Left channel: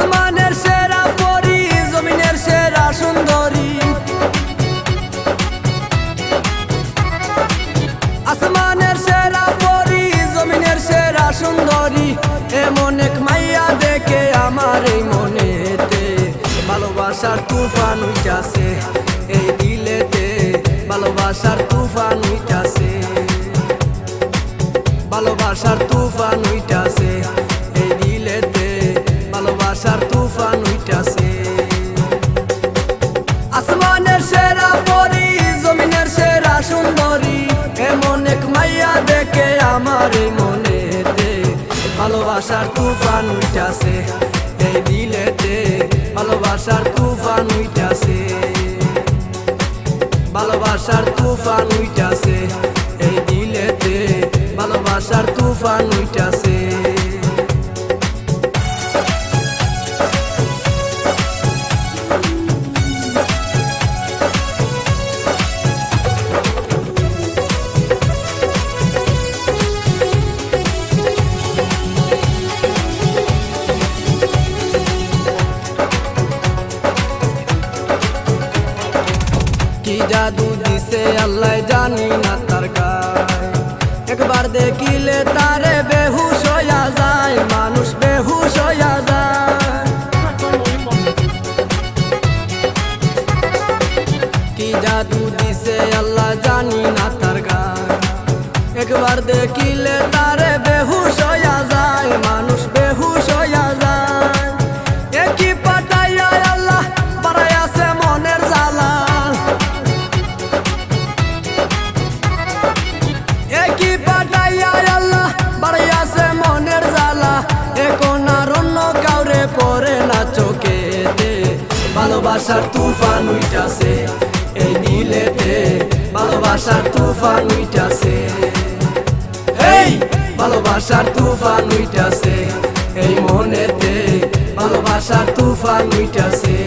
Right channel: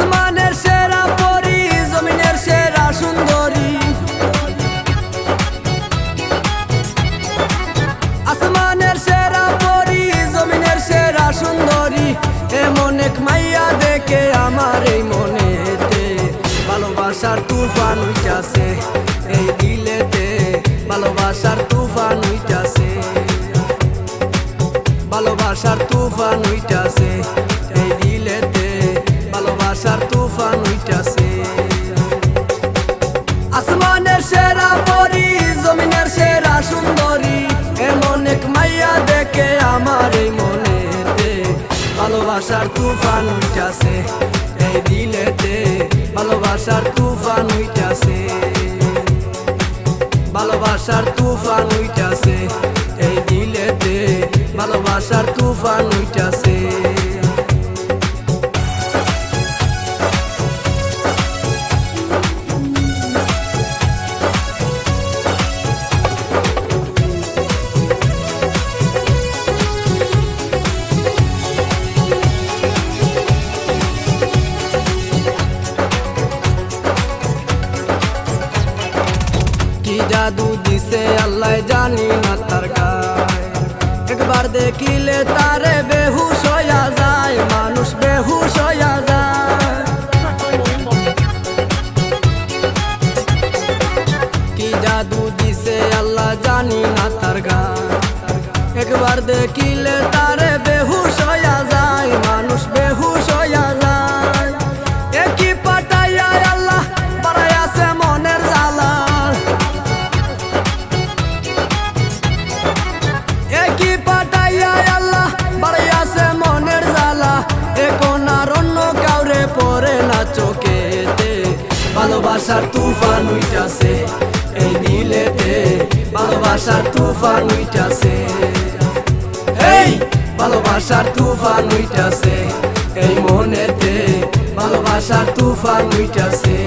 আসমানের সেরা পরি, জমিনের সেরা সুন্দরী। আসমানের সেরা পরি, জমিনের সেরা সুন্দরী। এমন এক মাইয়া দেখে আমার এই মনেতে ভালোবাসার তুফান উইঠাছে, এই দিলেতে ভালোবাসার তুফান উইঠাছে, ভালোবাসার তুফান উইঠাছে, এই দিলেতে ভালোবাসার তুফান উইঠাছে। আসমানের সেরা পরি, জমিনের সেরা সুন্দরী। এমন এক মাইয়া দেখে আমার এই মনেতে ভালোবাসার তুফান উইঠাছে, এই দিলেতে ভালোবাসার তুফান উইঠাছে, ভালোবাসার তুফান উইঠাছে, এই দিলেতে ভালোবাসার তুফান উইঠাছে। কি জাদু দিছে আল্লাহ জানি না তার গায়, একবার দেখিলে তারে বেহুশ হইয়া যায়, মানুষ বেহুশ হইয়া যায়। কি জাদু দিছে আল্লাহ জানি না তার গায়, একবার দেখিলে তারে বেহুশ হইয়া যায়, মানুষ বেহুশ হইয়া যায়। একই পাঠাইয়া আল্লাহ বাড়াইয়াছে মনের জ্বালা, একই পাঠাইয়া আল্লাহ বাড়াইয়াছে মনের জ্বালা। এখন আর অন্য কাউরে পড়ে না চোখেতে, ভালোবাসার তুফান উইঠাছে, এই দিলেতে ভালোবাসার তুফান উইঠাছে, এই ভালোবাসার তুফান উইঠাছে, এই মনেতে ভালোবাসার তুফান উইঠাছে।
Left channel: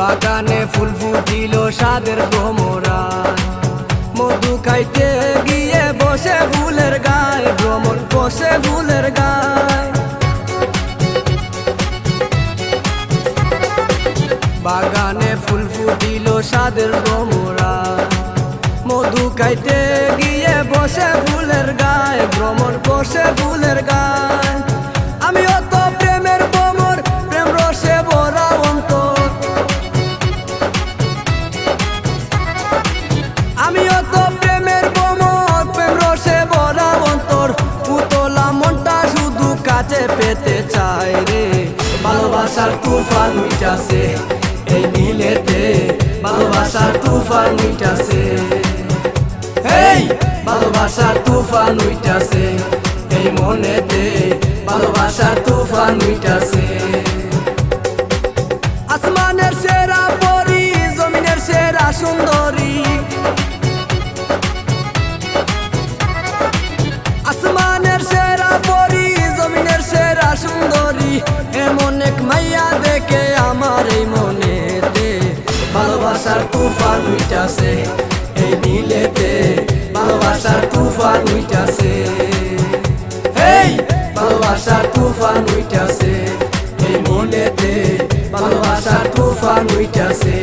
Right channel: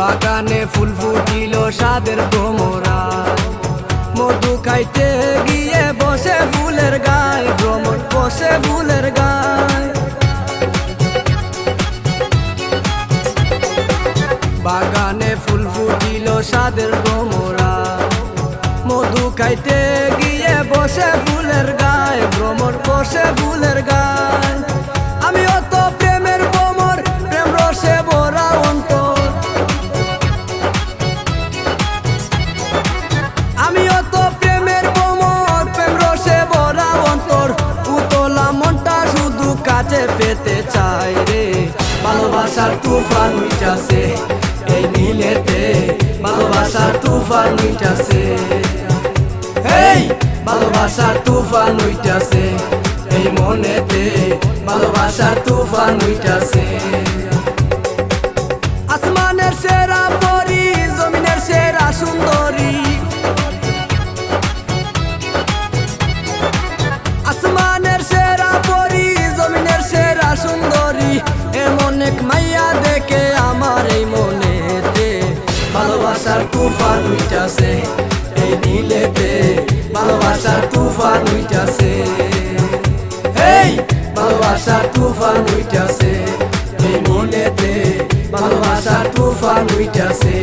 বাগানে ফুল ফুটিল সাদের ভ্রমরায়, মধু খাইতে গিয়ে বসে ফুলের গায়ে, ভ্রমর বসে ফুলের গায়ে। বাগানে ফুল ফুটিল সাদের ভ্রমরায়, মধু খাইতে গিয়ে বসে ফুলের গায়ে, ভ্রমর বসে ফুলের গায়ে। আমিও তো প্রেমের ভ্রমর, প্রেম রসে ভরা অন্তর, আমিও তো প্রেমের ভ্রমর, প্রেম রসে ভরা অন্তর। উতলা মনটা শুধু কাছে পেতে চায় রে, ভালোবাসার তুফান উইঠাছে, এই দিলেতে ভালোবাসার তুফান উইঠাছে, এই ভালোবাসার তুফান উইঠাছে, এই মনেতে ভালোবাসার তুফান উইঠাছে। আসমানের সেরা পরি, জমিনের সেরা সুন্দরী। আসমানের সেরা পরি, জমিনের সেরা সুন্দরী। এমন এক মাইয়া দেখে আমার এই মনেতে ভালোবাসার তুফান উইঠাছে, এই দিলেতে ভালোবাসার তুফান উইঠাছে, এই ভালোবাসার তুফান উইঠাছে, এই মনেতে ভালোবাসার তুফান উইঠাছে।